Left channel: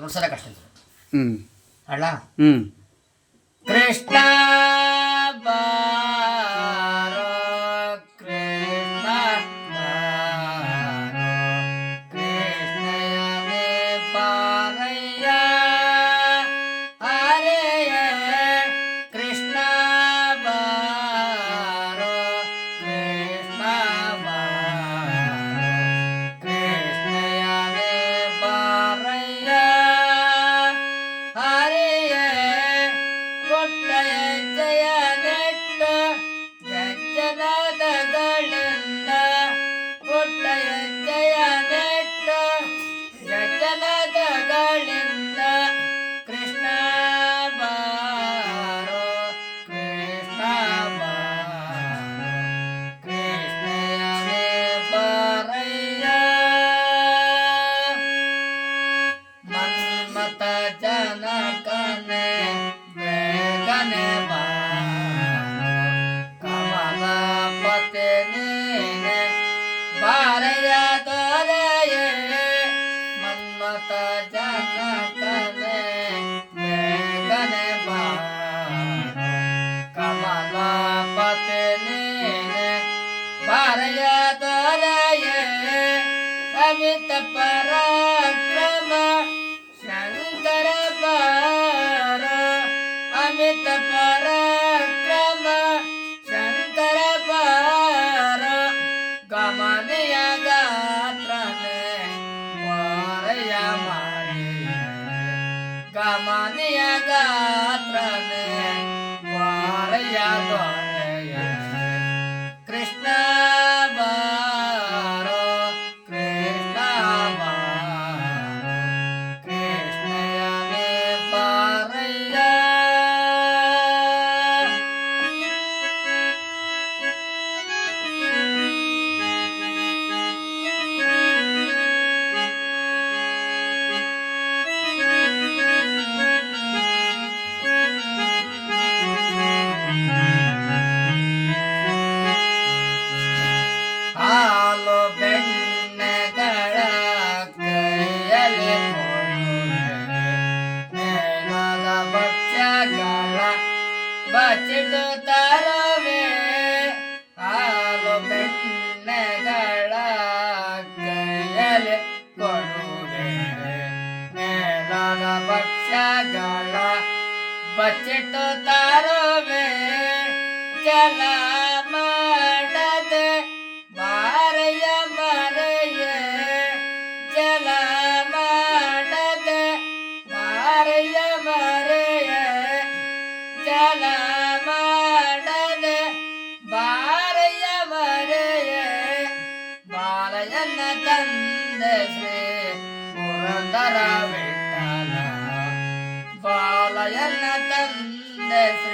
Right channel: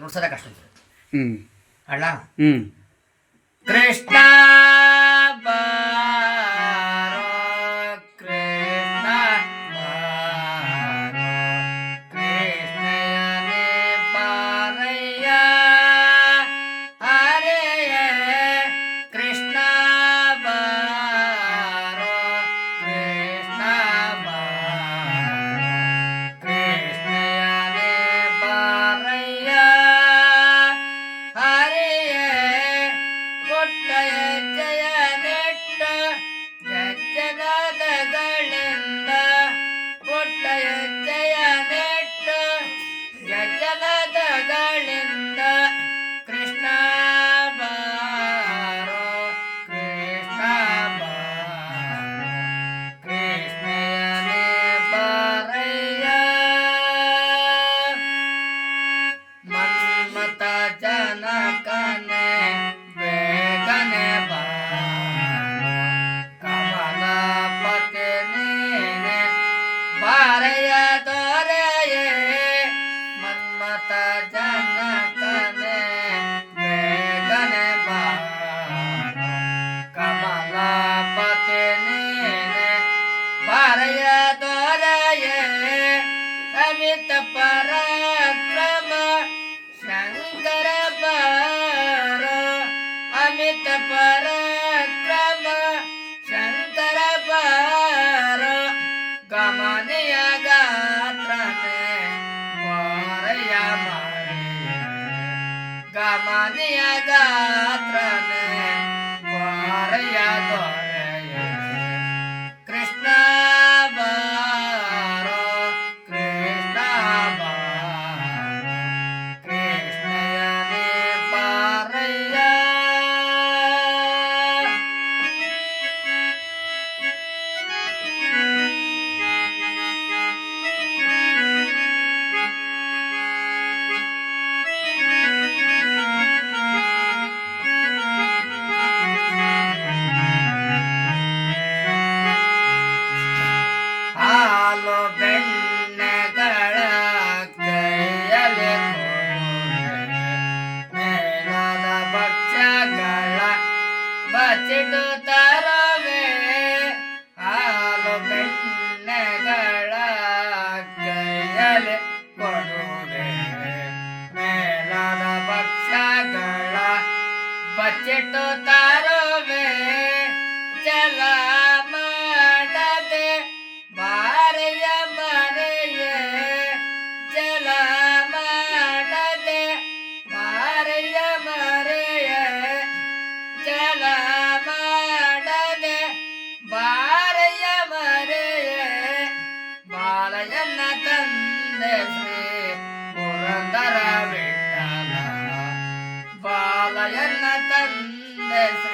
ನುಡ್ಸೋದ ಕಷ್ಟ ಅಲ್ಲ? ಹ್ಞೂ ಕೃಷ್ಣ! पारा तन्ता मन्मत जनकने पतने कमलापतने ते अमित परा पराक्रम शङ्कर पार अमित परा yeah. ಚಿಡುತ್ತಲವೇ ಹಾಲು ಬೆಣ್ಣೆಗಳ ಕೈಯಲ್ಲಿ ಕೊಡುವೆ ಮೇಳದ ಭಕ್ಷ್ಯಗಳ ಬಚ್ಚಿಟ್ಟು ತರುವೆ ಜಲ ಶ್ರೀ ಪುರಂದರ ವಿಠಲ ಬಾಲಯನ್ನ ತಂದೆ ಶ್ರೀ